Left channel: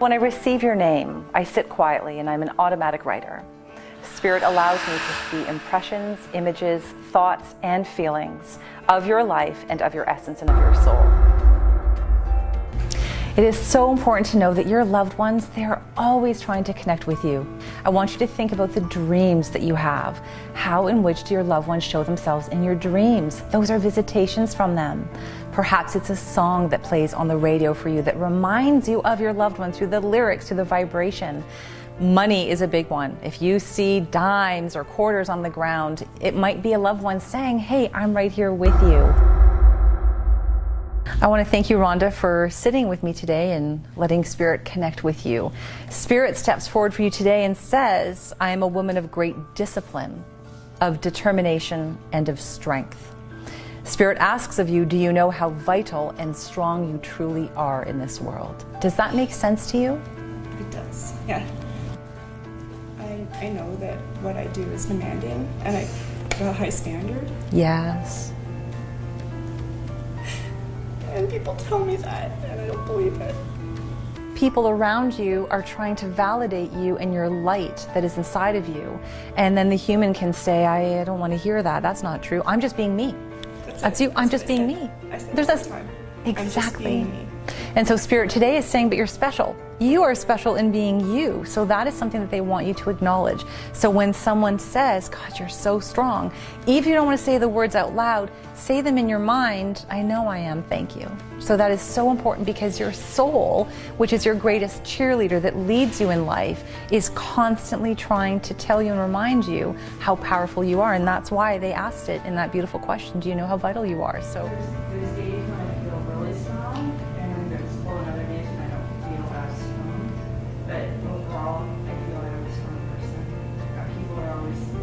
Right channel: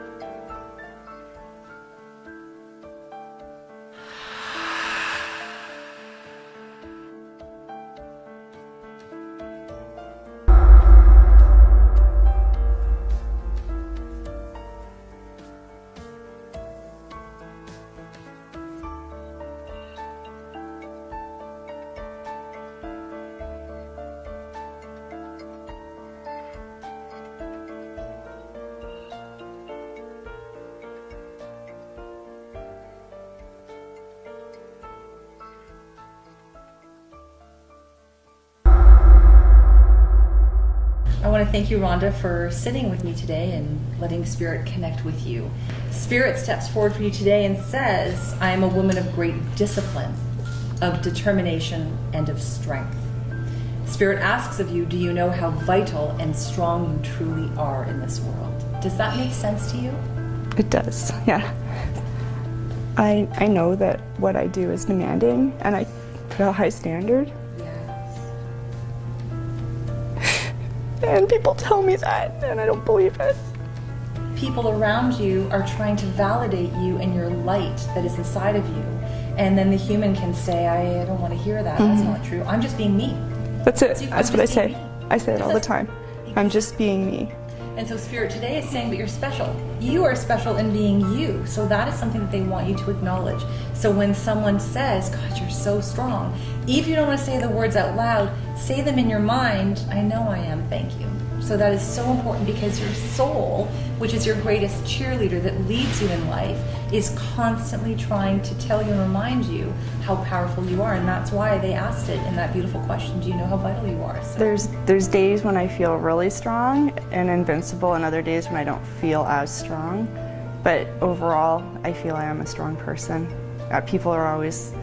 When I receive your name, I sit quietly and I'm an automatic writer. Spirit allows me to see impressions, images, thoughts, and feelings of your life and of your essence and of your soul. It is so important to know that your loved ones, they are always trying to connect with you. I want you to think about the dreams that you have. How and which do your loved ones show themselves in your dreams? Those are visitations from them. Perhaps it's a song that plays on the radio for you that reminds you of your loved ones through the lyrics, through the vibration. Money is a big one. If you see dimes or quarters on the ground, it might be a loved one saying, hey, I'm right here with you. I want to thank you, Rhonda, for sitting with me today and letting Spirit connect with you. Spirit steps forward for you today and says, I am a woman of great discipline, of determination, and of strength. Spirit asks of you, do you know how vital and strong you truly are in this world? Does that make sense to you? It does, yeah. I know that what I do is demanding and I have a high standard. Yes. And people tell me that and I don't believe it. People around you are trying to validate you and your light that is inside of you. And then the human can say, I don't want to hear that. That's not true. I'm just being me. That's it. You. That's I'm what just I being say. me. I say it all the time. Exactly. I'm just being me. And so Spirit today is saying, but you're special. You are special in being you. So that is something that they want you to acknowledge. So when someone says, God, you're so strong, even if you don't want to say the words out loud, say them in your mind, I know I am, thank you. So that is so important because your soul, which is your greatest cheerleader that leads you in life, is constantly trying to tell you and remind you how powerful you are. And that's why they asked it in that beautiful question, do you know how vital you are? So There's days when I feel really strong and invincible and other days when I don't feel as strong. But overall, I feel I am a strong person. People are always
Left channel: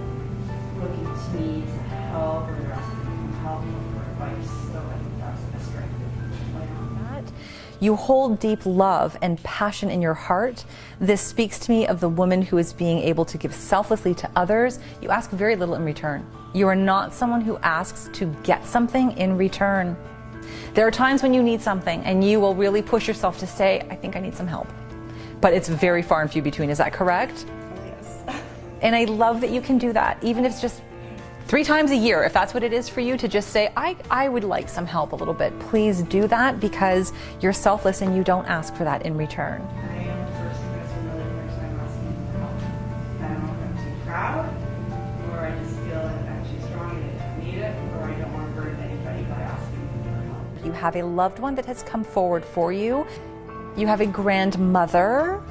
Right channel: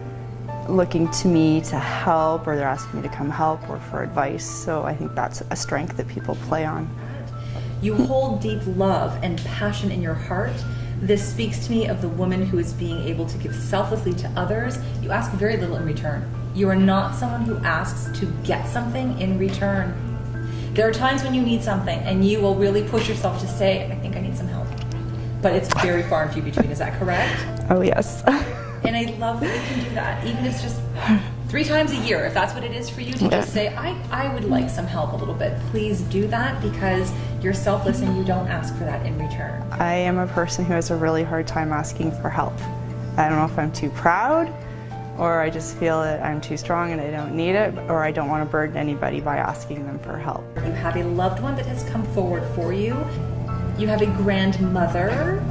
looking to me to help, or they're asking me to come help or for advice. So I think that's a strength that people play on. You hold deep love and passion in your heart. This speaks to me of the woman who is being able to give selflessly to others. You ask very little in return. You are not someone who asks to get something in return. There are times when you need something and you will really push yourself to say, I think I need some help. But it's very far and few between, is that correct? Oh, yes. And I love that you can do that, even if it's just 3 times a year, if that's what it is for you, to just say, I would like some help a little bit. Please do that because you're selfless and you don't ask for that in return. I am a person who has a really hard time asking for help. I don't know if I'm too proud, or I just feel that I'm too strong and I don't need it, or I don't want to burden anybody by asking them for help. You have a loved one that has come forward for you. You have a grandmother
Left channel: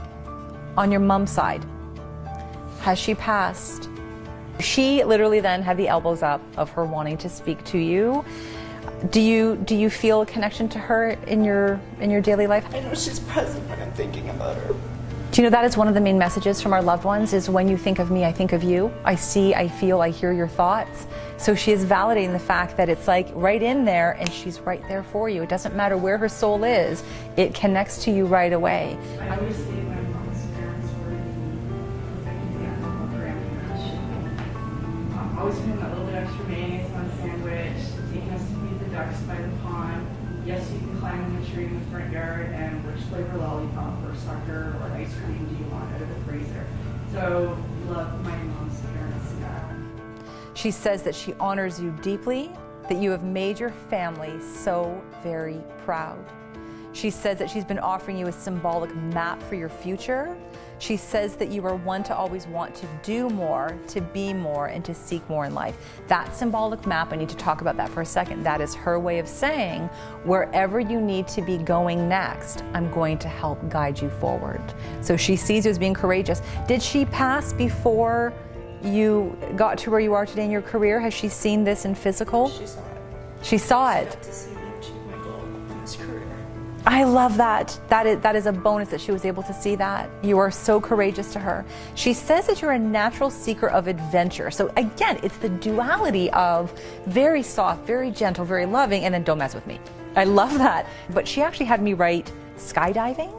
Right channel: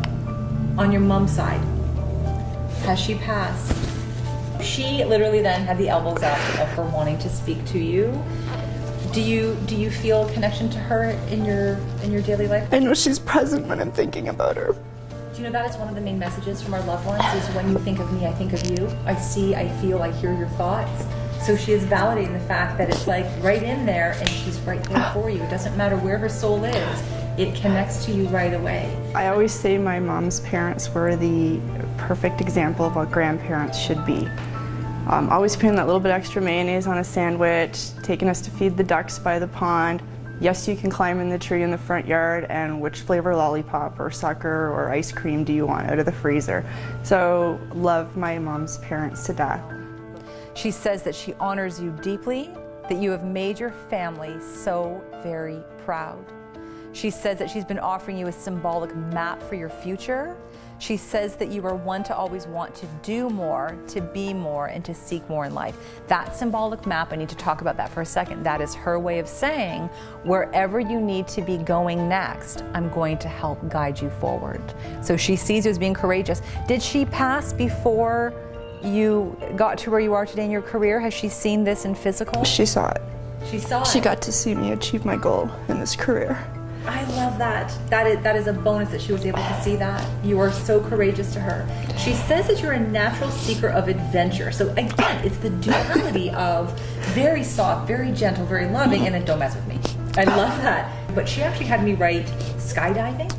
on your mom's side. Has she passed? She literally then had the elbows up of her wanting to speak to you. Do you feel a connection to her in your daily life? I know she's present when I'm thinking about her. Do you know that is one of the main messages from our loved ones is when you think of me, I think of you. I see, I feel, I hear your thoughts. So she is validating the fact that it's like right in there and she's right there for you. It doesn't matter where her soul is, it connects to you right away. I always say my mom's parents were the perfect example of what grandparents should be. Always putting that little bit extra mayonnaise on a sandwich, taking us to feed the ducks by the pond. Yes, you can climb in the tree in the front yard, and which flavor lollipop or sucker or ice cream do you want out of the freezer? So love my mom's parents to death. She says that she honors you deeply, that you have made your family so very proud. She says that she's been offering you a symbolic map for your future. She says that you are one to always want to do more, to be more, and to seek more in life. That symbolic map, I need to talk about that for a second. That is her way of saying, wherever you need to be going next, I'm going to help guide you forward. So she sees you as being courageous. Did she pass before you got to where you are today in your career? Has she seen this in physical? She saw it. She saw it. She got to see me achieve my goal in this career. I love that. That is a bonus that she was able to see that. You are so courageous to her. She says that you're a natural seeker of adventure. So again, it's the duality of very soft, very gentle, very loving, and then don't mess with me. I love that. But she actually had me write skydiving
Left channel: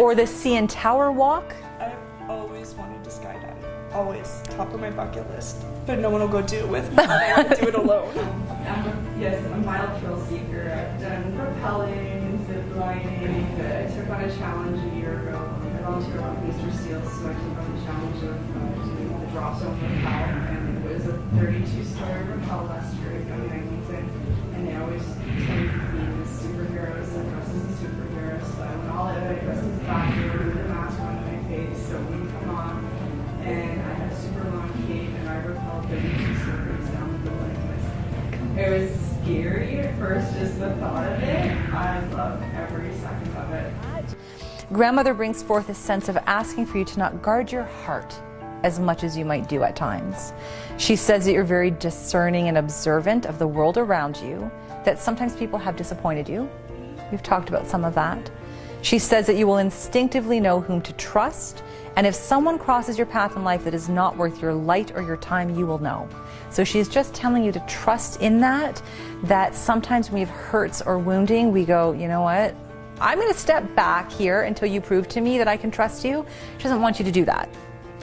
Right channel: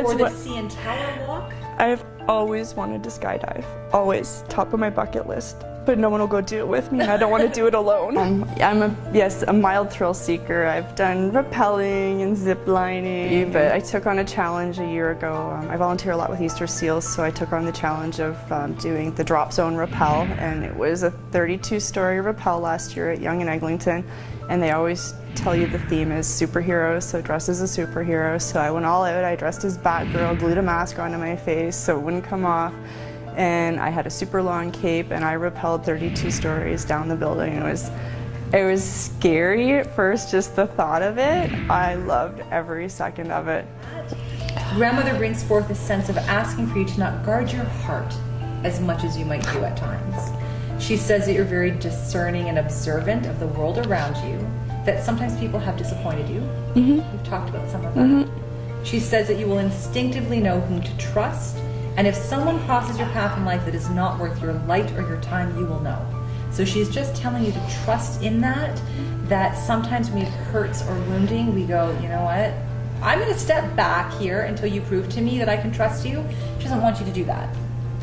or the CN Tower walk. I've always wanted to skydive. Always, top of my bucket list. But no one will go do it with me, and I don't want to do it alone. I'm a mild thrill seeker. I've done rappelling and zip lining, but I took on a challenge a year ago. I volunteer a lot with Easter Seals, so I took on the challenge of doing the drop zone rappel, and it was a 32-story rappel last year at Yonge and Eglinton. And they always tell you the theme is superheroes, so dress as a superhero. So I went all out. I dressed as Batgirl, glued a mask onto my face so it wouldn't come off. And I had a super long cape, and I rappelled 32 stories down the building. It was scary at first, just the thought of it. I loved every second of it. Grandmother brings forth a sense of asking for you to not guard your heart as much as you might do at times. She says that you're very discerning and observant of the world around you, that sometimes people have disappointed you. We've talked about some of that. She says that you will instinctively know whom to trust, and if someone crosses your path in life that is not worth your light or your time, you will know. So she's just telling you to trust in that sometimes when it hurts or wounding, we go, you know what? I'm going to step back here until you prove to me that I can trust you. She doesn't want you to do that.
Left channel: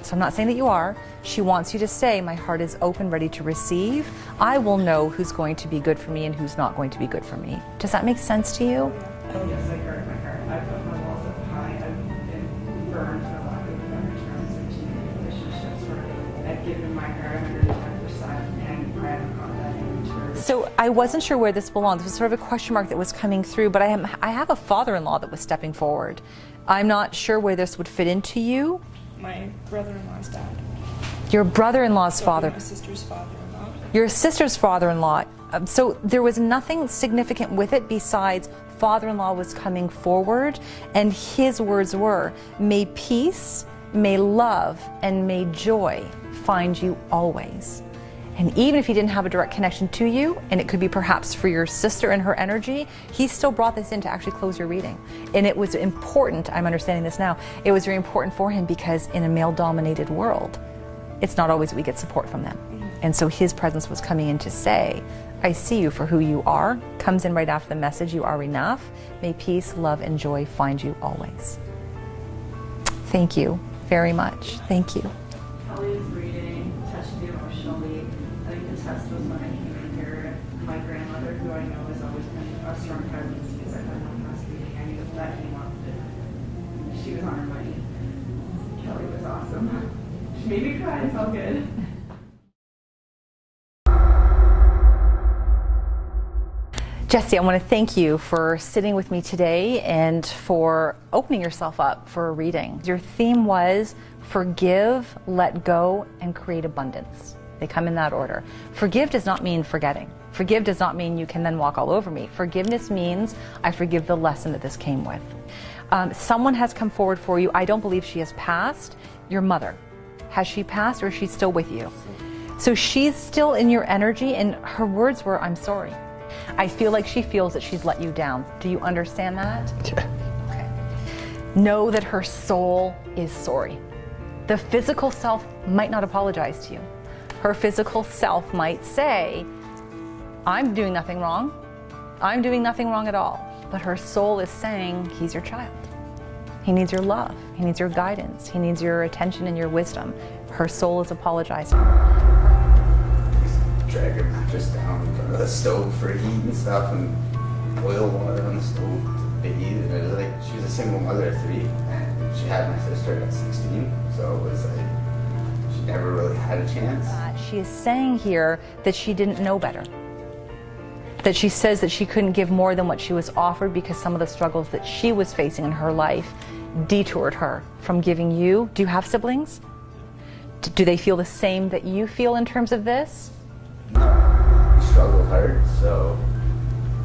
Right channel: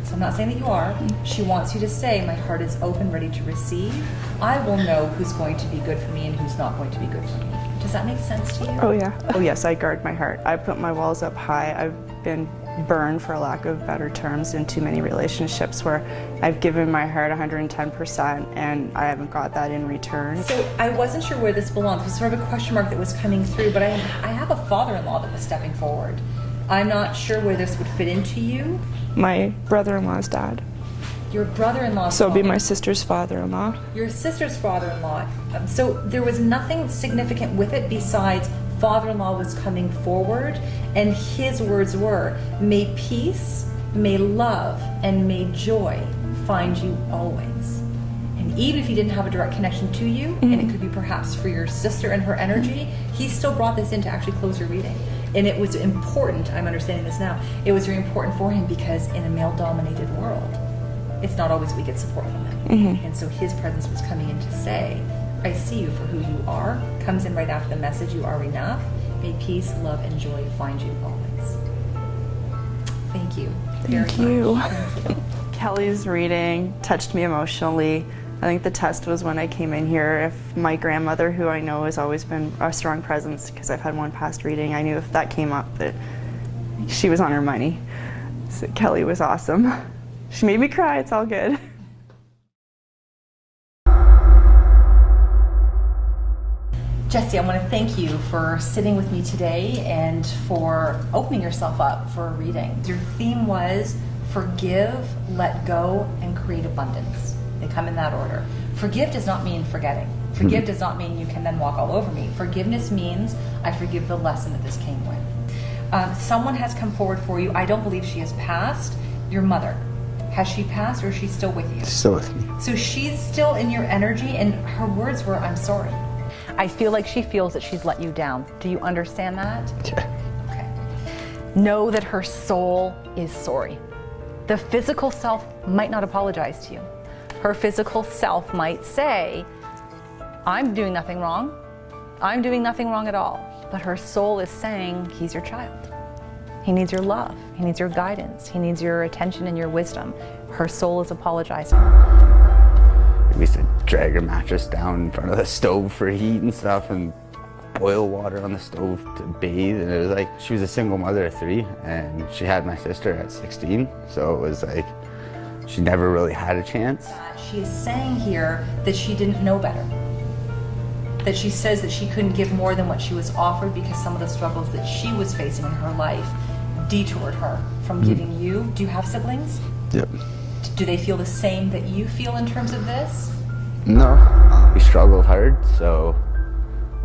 So I'm not saying that you are. She wants you to say, my heart is open, ready to receive. I will know who's going to be good for me and who's not going to be good for me. Does that make sense to you? Oh yeah. Oh yes, I guard my heart. I put my walls up high. I've been burned, for lack of better terms, in too many relationships where I've given my heart 110% and I haven't got that in return. So I wasn't sure where this belonged. It was sort of a question mark that was coming through, but I have a father-in-law that was stepping forward. I'm not sure where this would fit into you. My brother-in-law's dad. Your brother-in-law's So father. it'll be my sister's father-in-law. Your sister's father-in-law. So there was nothing significant with it besides father-in-law was coming forward, and his words were, may peace, may love, and may joy find you always. And even if he didn't have a direct connection to you, and it could be perhaps for your sister and her energy, he still brought this in to actually close your reading. And it was important, I'm understanding this now, it was very important for him because in a male-dominated world, it's not always we get support from them. And so his presence was coming in to say, I see you for who you are, comes in right after the message, you are enough. May peace, love, and joy find you always. Thank you very much. Thank you. Kelly's reading touched me emotionally. I think the test was when I came in here. If my grandmother, who I know has always been a strong presence because I've had one past reading, I knew if that came up that she was on her money. So Kelly was awesome. She made me cry, it's all good. Jessie, I want to thank you for sitting with me today and for opening yourself up for a reading. Your theme was forgive, let go, and create abundance. They come in that order. Forgive does not mean forgetting. Forgive does not mean you can then walk all over me. Forgiveness means I forgive the lesson that this came with. Someone has come forward for you. I don't believe she has passed. Your mother. Has she passed or is she still with you? Still with me. So she's still in your energy, and her words were, I'm sorry. I feel like she feels that she's let you down. Do you understand that? Yeah. Okay. Know that her soul is sorry. The physical self might not apologize to you. Her physical self might say, I'm doing nothing wrong. I'm doing nothing wrong at all. But her soul is saying, he's your child. He needs your love. He needs your guidance. He needs your attention and your wisdom. Her soul is apologizing. We used to drag her mattress down in front of the stove for heat and stuff, and boil water on the stove to bathe. And it was like, she was a single mother of 3, and she had my sister at 16. So it was like, she never really had a chance. She is saying here that she didn't know better. That she says that she couldn't give more than what she was offered because some of the struggles that she was facing in her life detoured her from giving you. Do you have siblings? Yep. Do they feel the same that you feel in terms of this? No, we struggled hard. So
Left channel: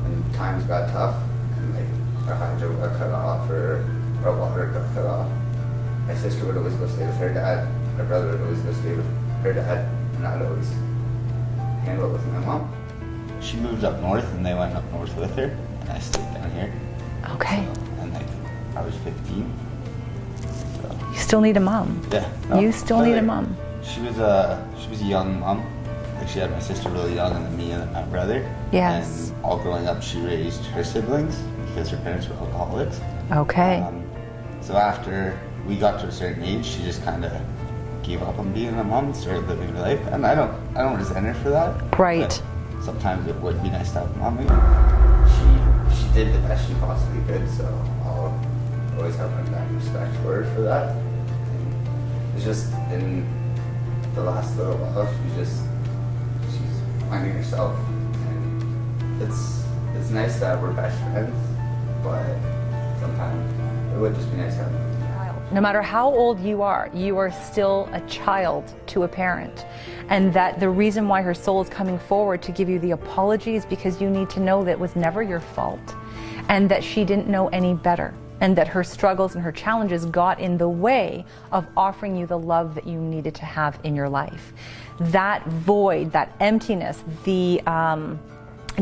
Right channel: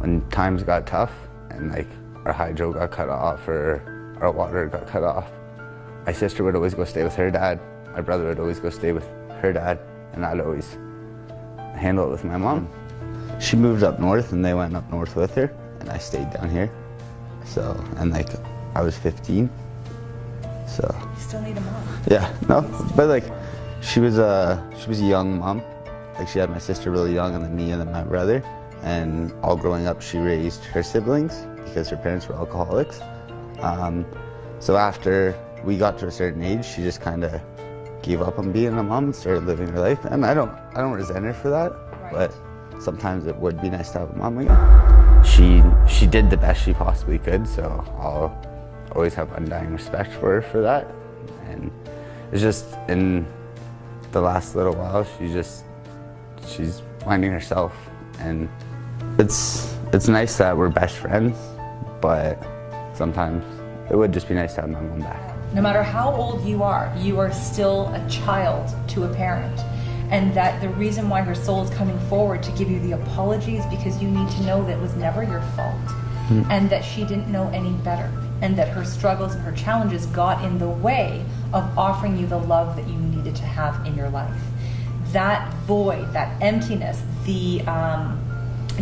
when times got tough and like our hydro got cut off or our water got cut off, my sister would always go stay with her dad. My brother would always go stay with her dad, and I'd always handle it with my mom. She moved up north, and they went up north with her, and I stayed down here. Okay. So, and like, I was 15, so. You still need a mom. Yeah. No, You still but, need a like, mom. She was a young mom. Like, she had my sister really young, and then me, and then my brother. Yes. And all growing up, she raised her siblings because her parents were alcoholics. Okay. So after we got to a certain age, she just kind of gave up on being a mom and started living her life. And I don't resent her for that. Right. But sometimes it would be nice to have a mom again. She did the best she possibly could, so I'll always have undying respect for her for that. And it's just in the last little while, she's finding herself, and it's nice that we're best friends, but sometimes it would just be nice to have my mom back. No matter how old you are still a child to a parent. And that the reason why her soul is coming forward to give you the apology is because you need to know that it was never your fault, and that she didn't know any better, and that her struggles and her challenges got in the way of offering you the love that you needed to have in your life. That void, that emptiness, the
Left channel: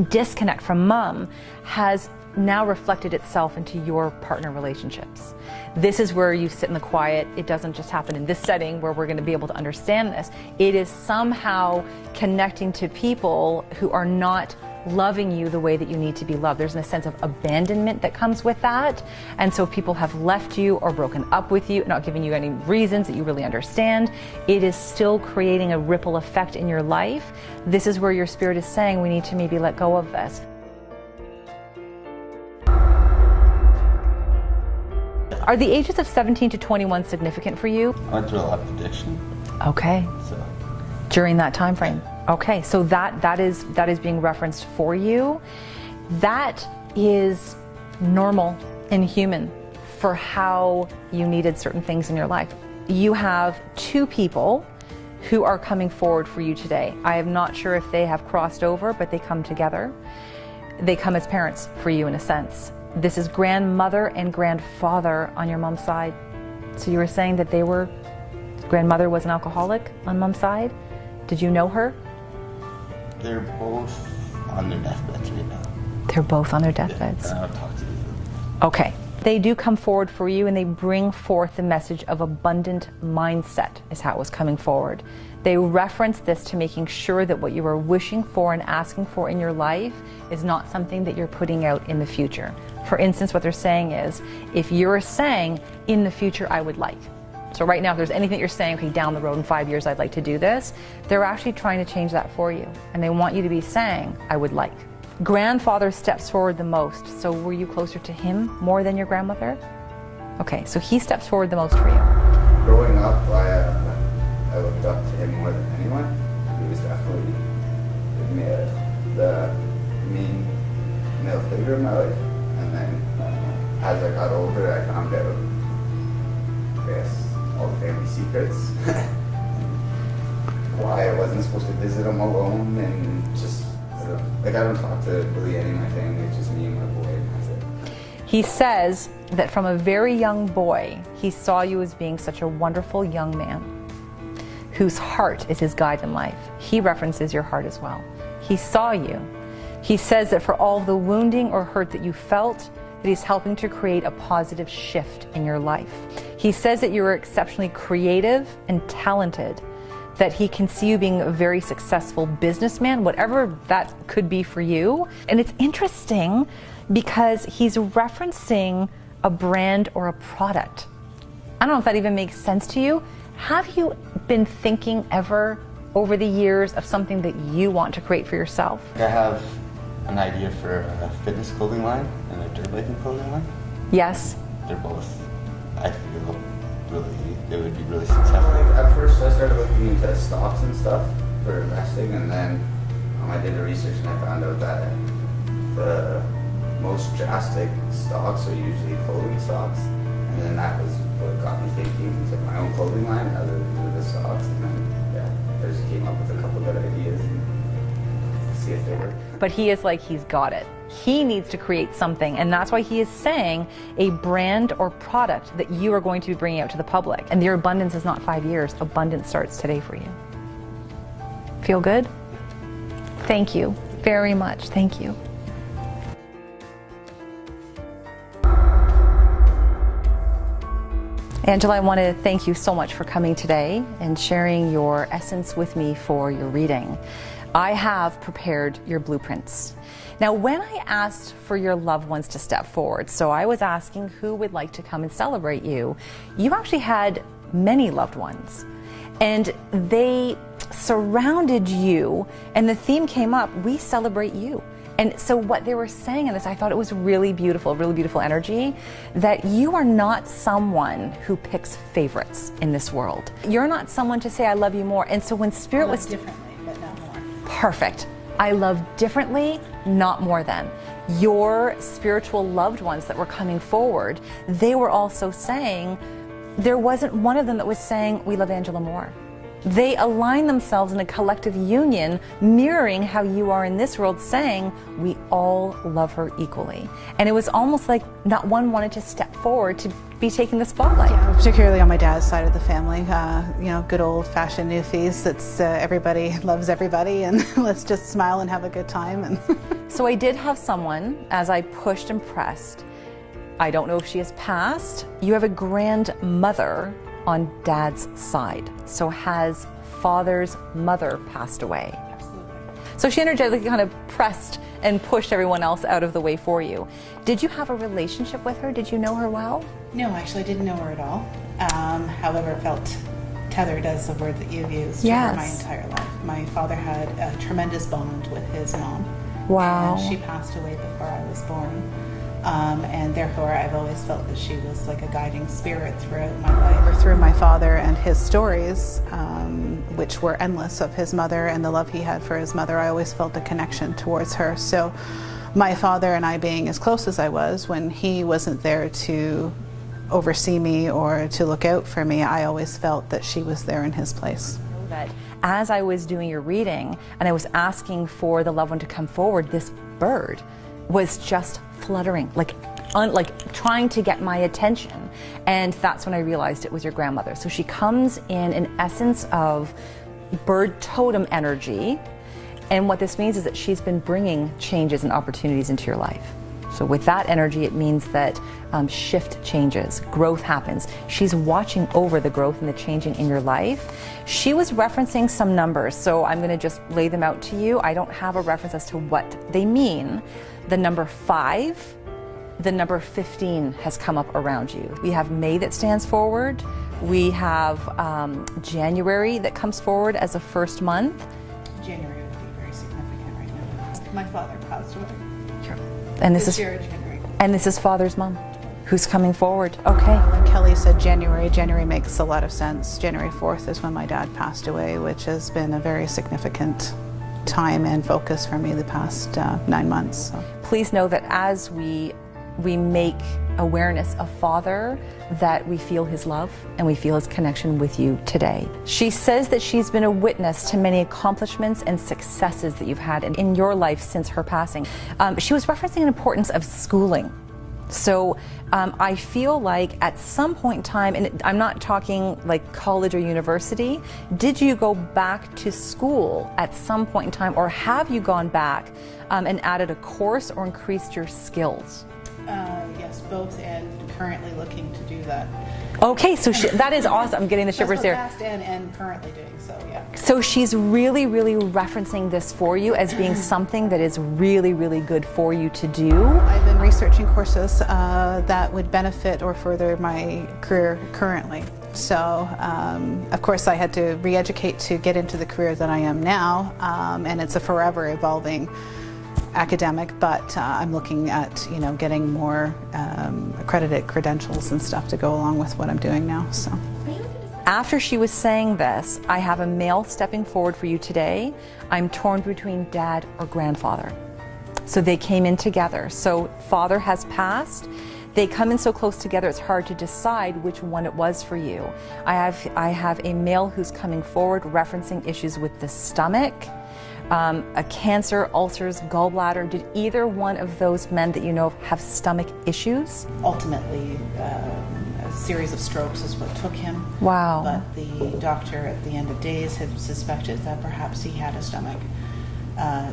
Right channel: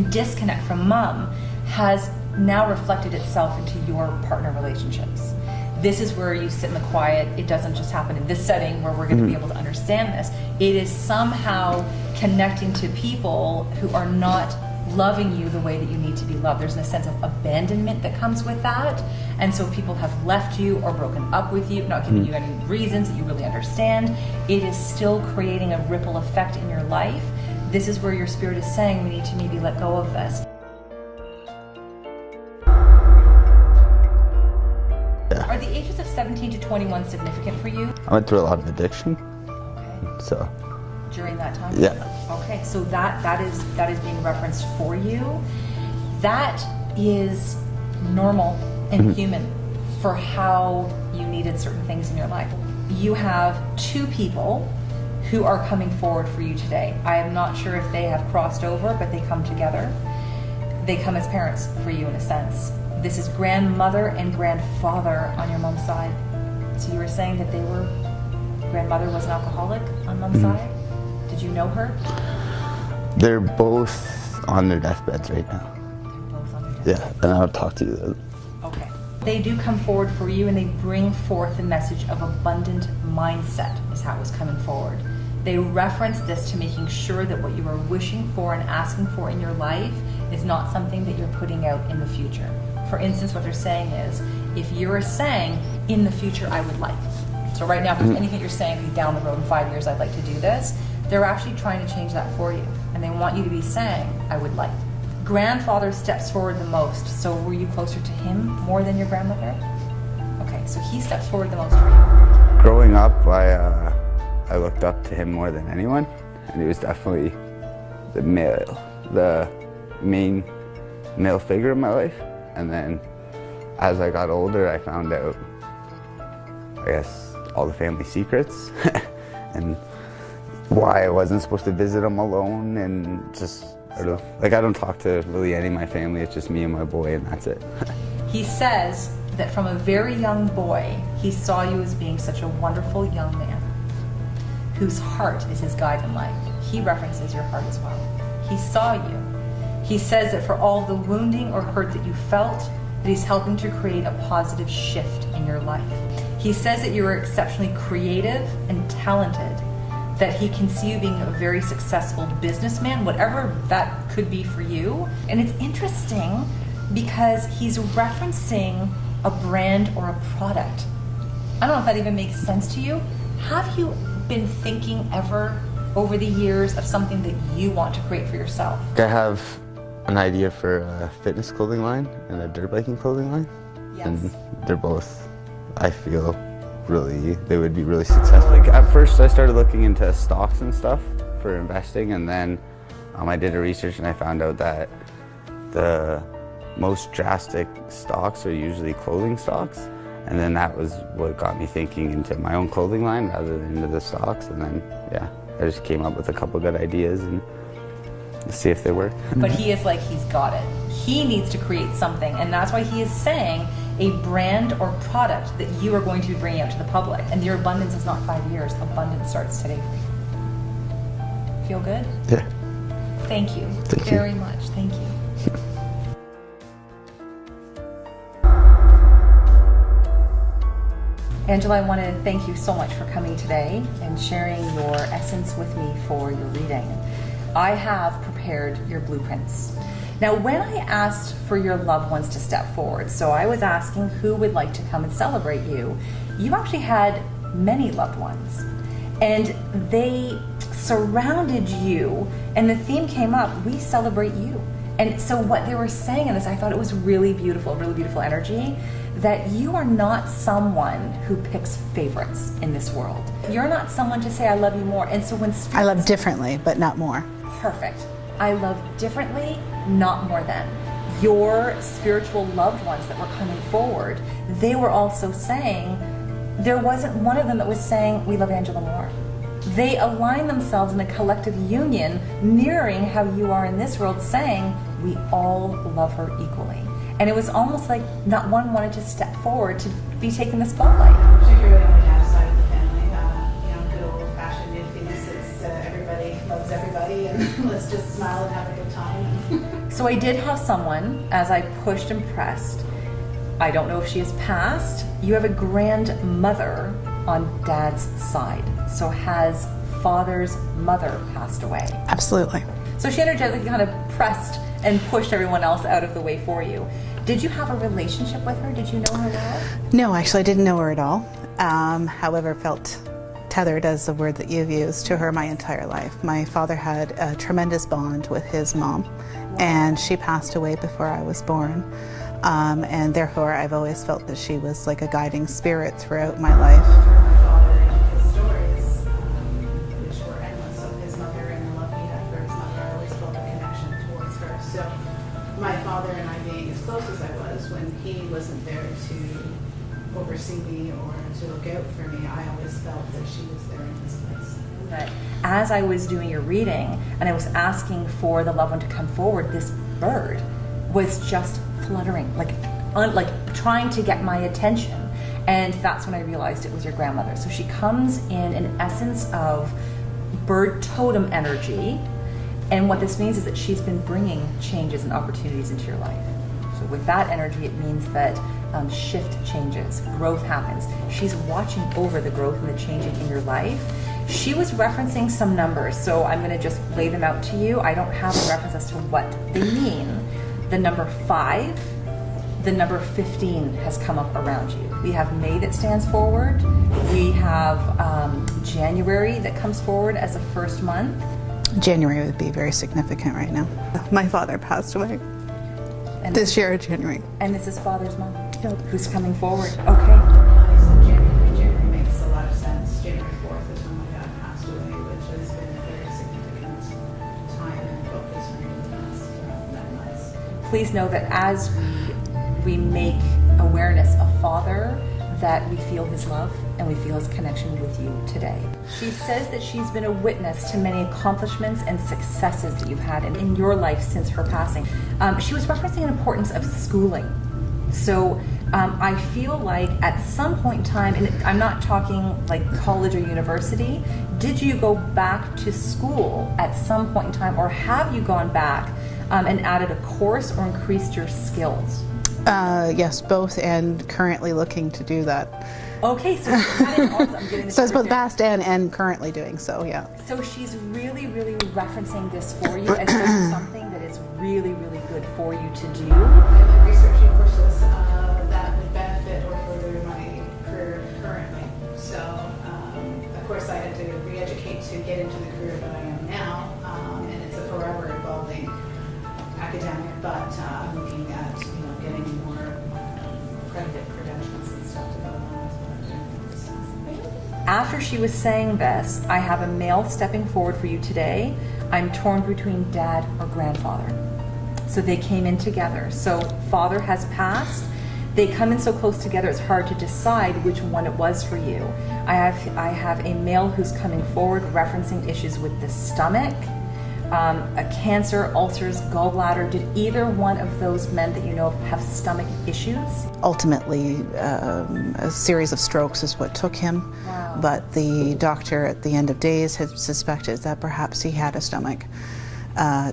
disconnect from mom has now reflected itself into your partner relationships. This is where you sit in the quiet. It doesn't just happen in this setting where we're going to be able to understand this. It is somehow connecting to people who are not loving you the way that you need to be loved. There's a sense of abandonment that comes with that. And so people have left you or broken up with you, not giving you any reasons that you really understand. It is still creating a ripple effect in your life. This is where your spirit is saying we need to maybe let go of this. Are the ages of 17 to 21 significant for you? I went through a lot of addiction, Okay. so During that time frame? Yeah. Okay, so that is being referenced for you. That is normal and human for how you needed certain things in your life. You have two people who are coming forward for you today. I am not sure if they have crossed over, but they come together. They come as parents for you in a sense. This is grandmother and grandfather on your mom's side. So you were saying that grandmother was an alcoholic on mom's side? Did you know her? they're both on their deathbeds right now. They're both on their Yeah, deathbeds. and I'll talk to you. Okay. They do come forward for you and they bring forth the message of abundant mindset is how it was coming forward. They reference this to making sure that what you are wishing for and asking for in your life is not something that you're putting out in the future. For instance, what they're saying is, if you're saying, in the future I would like. So right now, if there's anything you're saying, okay, down the road in 5 years I'd like to do this, they're actually trying to change that for you. And they want you to be saying, I would like. Grandfather steps forward the most. So were you closer to him more than your grandmother? Okay, so he steps forward the most for you. Growing up, I looked up to him more than anyone, and he was definitely the main male figure in my life. And then as I got older, I found out, I guess, all the family secrets and why I wasn't supposed to visit him alone, and just, I don't know, like I don't talk to really any of my family, it's just me and my boy, and that's it. He says that from a very young boy, he saw you as being such a wonderful young man whose heart is his guide in life. He references your heart as well. He saw you. He says that for all the wounding or hurt that you felt, that he's helping to create a positive shift in your life. He says that you are exceptionally creative and talented, that he can see you being a very successful businessman, whatever that could be for you. And it's interesting because he's referencing a brand or a product. I don't know if that even makes sense to you. Have you been thinking ever over the years of something that you want to create for yourself? I have an idea for a fitness clothing line and a dirt biking clothing line. Yes. And they're both, I feel, they would be really successful. Like at first I started looking into stocks and stuff for investing, and then I did a research and I found out that the most drastic stocks are usually clothing stocks. And then that was what got me thinking into my own clothing line rather than into the stocks. And then, yeah, I just came up with a couple good ideas and see if they work. But he is like, he's got it. He needs to create something, and that's why he is saying a brand or product that you are going to be bringing out to the public. And your abundance is not 5 years. Abundance starts today for you. Feel good? Yeah. Thank you Thank very you. much. Thank you. Angela, I want to thank you so much for coming today and sharing your essence with me for your reading. I have prepared your blueprints. Now, when I asked for your loved ones to step forward, so I was asking who would like to come and celebrate you, you actually had many loved ones. And they surrounded you, and the theme came up, we celebrate you. And so what they were saying in this, I thought it was really beautiful energy, that you are not someone who picks favorites in this world. You're not someone to say, I love you more. And so when Spirit I love was differently, but not more. perfect, I love differently, not more than. Your spiritual loved ones that were coming forward, they were also saying, there wasn't one of them that was saying, we love Angela more. They align themselves in a collective union, mirroring how you are in this world, saying, we all love her equally. And it was almost like not one wanted to step forward to be taking the spotlight. Particularly on my dad's side of the family, you know, good old-fashioned newfies. That's everybody loves everybody, and let's just smile and have a good time. And So I did have someone, as I pushed and pressed, I don't know if she has passed, you have a grandmother on dad's side. So has father's mother passed away? absolutely. So she energetically kind of pressed and pushed everyone else out of the way for you. Did you have a relationship with her? Did you know her well? No, actually, I didn't know her at all. However, it felt tethered as the word that you've used to her my Yes. entire life. My father had a tremendous bond with his mom, Wow. and she passed away before I was born. And therefore, I've always felt that she was like a guiding spirit throughout my life. Through my father and his stories, which were endless, of his mother and the love he had for his mother, I always felt a connection towards her. So my father and I being as close as I was, when he wasn't there to oversee me or to look out for me, I always felt that she was there in his place. That as I was doing your reading and I was asking for the loved one to come forward, this bird was just fluttering, like trying to get my attention. And that's when I realized it was your grandmother. So she comes in an essence of bird totem energy. And what this means is that she's been bringing changes and opportunities into your life. So with that energy, it means that shift changes, growth happens. She's watching over the growth and the changing in your life. She was referencing some numbers, so I'm going to just lay them out to you. I don't have a reference as to what they mean. The number 5, the number 15 has come up around you. We have May that stands forward. We have January that comes forward as a first month. January would be very significant right now. My father passed away And this year, January. And this is father's mom, Yep. who's coming forward. Okay. Kelly said January. January makes a lot of sense. January 4th is when my dad passed away, which has been a very significant time and focus for me the past 9 months. So. Please know that as we make awareness of Father, that we feel his love and we feel his connection with you today. She says that she's been a witness to many accomplishments and successes that you've had in your life since her passing. She was referencing the importance of schooling. So I feel like at some point in time, and I'm not talking like college or university, did you go back to school at some point in time, or have you gone back and added a course or increased your skills? Yes, both, and currently looking to do that. Okay, so that is awesome. I'm getting the So it's shivers both there. past and currently doing so, yeah. So she's really, really referencing this for you as being something that is really, really good for you to do. I've been researching courses that would benefit or further my career currently. So, of course, I had to re-educate to get into the career that I am now, and it's a forever evolving academic, but I'm looking at, you know, getting more accredited credentials and stuff to go along with what I'm doing now. So. After she was saying this, I have a male stepping forward for you today. I'm torn between dad or grandfather. So they came in together. So father has passed. They come in so close together, it's hard to decide which one it was for you. I have a male who's coming forward referencing issues with the stomach, a cancer, ulcers, gallbladder. Did either one of those men that you know of have stomach issues? Ultimately, a series of strokes is what took him. Wow. But the doctor at the end of days had suspected that perhaps he had a stomach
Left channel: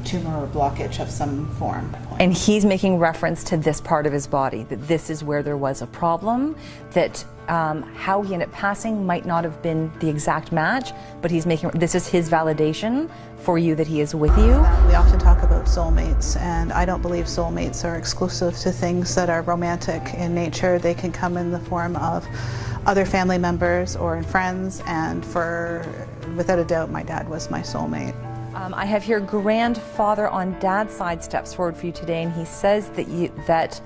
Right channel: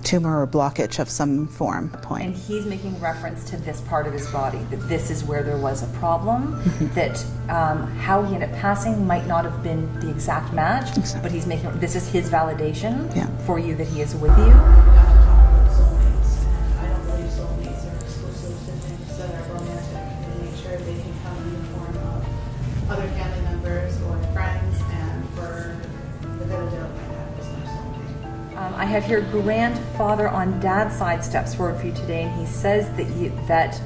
tumor or blockage of some form. And he's making reference to this part of his body, that this is where there was a problem, that how he ended up passing might not have been the exact match, but he's making, this is his validation for you that he is with you. We often talk about soulmates, and I don't believe soulmates are exclusive to things that are romantic in nature. They can come in the form of other family members or in friends, and without a doubt, my dad was my soulmate. I have here grandfather on dad's side steps forward for you today, and he says that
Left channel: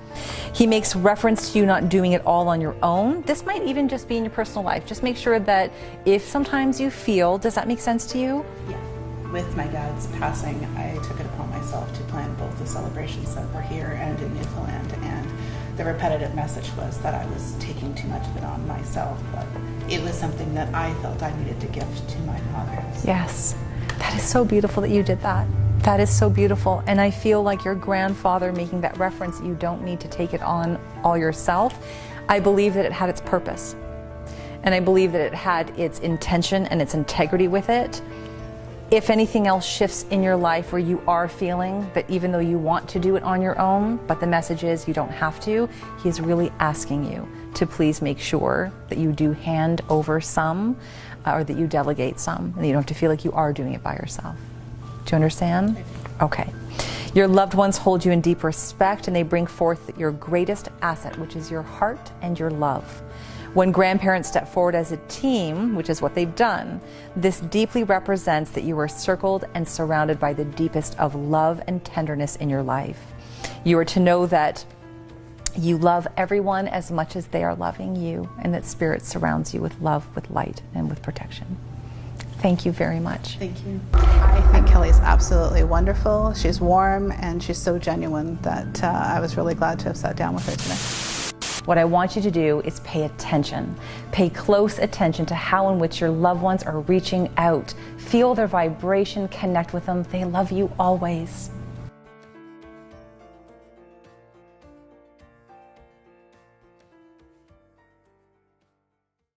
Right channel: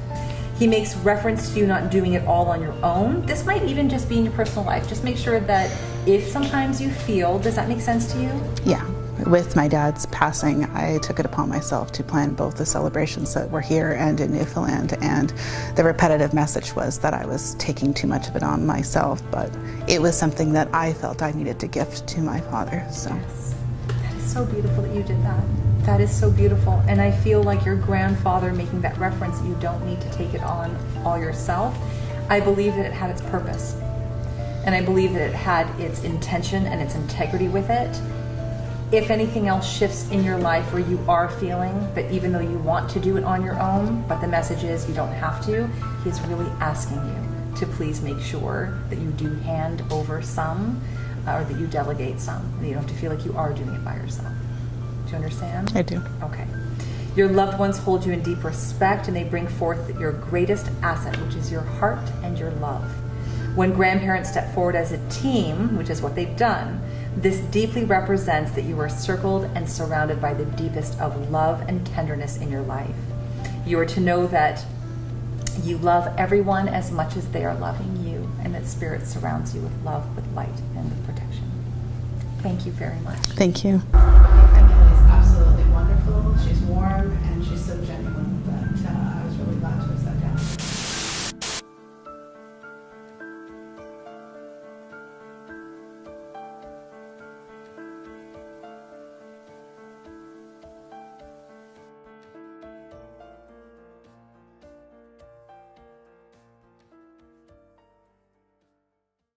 he makes reference to you not doing it all on your own. This might even just be in your personal life. Just make sure that if sometimes you feel, does that make sense to you? Yeah. With my dad's passing, I took it upon myself to plan both the celebrations that were here and in Newfoundland, and the repetitive message was that I was taking too much of it on myself, but it was something that I felt I needed to gift to my father. So. Yes. That is so beautiful that you did that. That is so beautiful. And I feel like your grandfather making that reference, you don't need to take it on all yourself. I believe that it had its purpose. And I believe that it had its intention and its integrity with it. If anything else shifts in your life where you are feeling that even though you want to do it on your own, but the message is you don't have to, he's really asking you to please make sure that you do hand over some or that you delegate some, and you don't have to feel like you are doing it by yourself. Do you understand? I do. Okay. Your loved ones hold you in deep respect, and they bring forth your greatest asset, which is your heart and your love. When grandparents step forward as a team, which is what they've done, this deeply represents that you are circled and surrounded by the deepest of love and tenderness in your life. You are to know that you love everyone as much as they are loving you, and that Spirit surrounds you with love, with light, and with protection. Thank you very much. Thank you. I think Kelly's absolutely wonderful. She's warm, and she's so genuine that I was really glad to have sat down with her today. What I want you to do is pay attention. Pay close attention to how in which your loved ones are reaching out. Feel their vibration, connect with them. They love you always.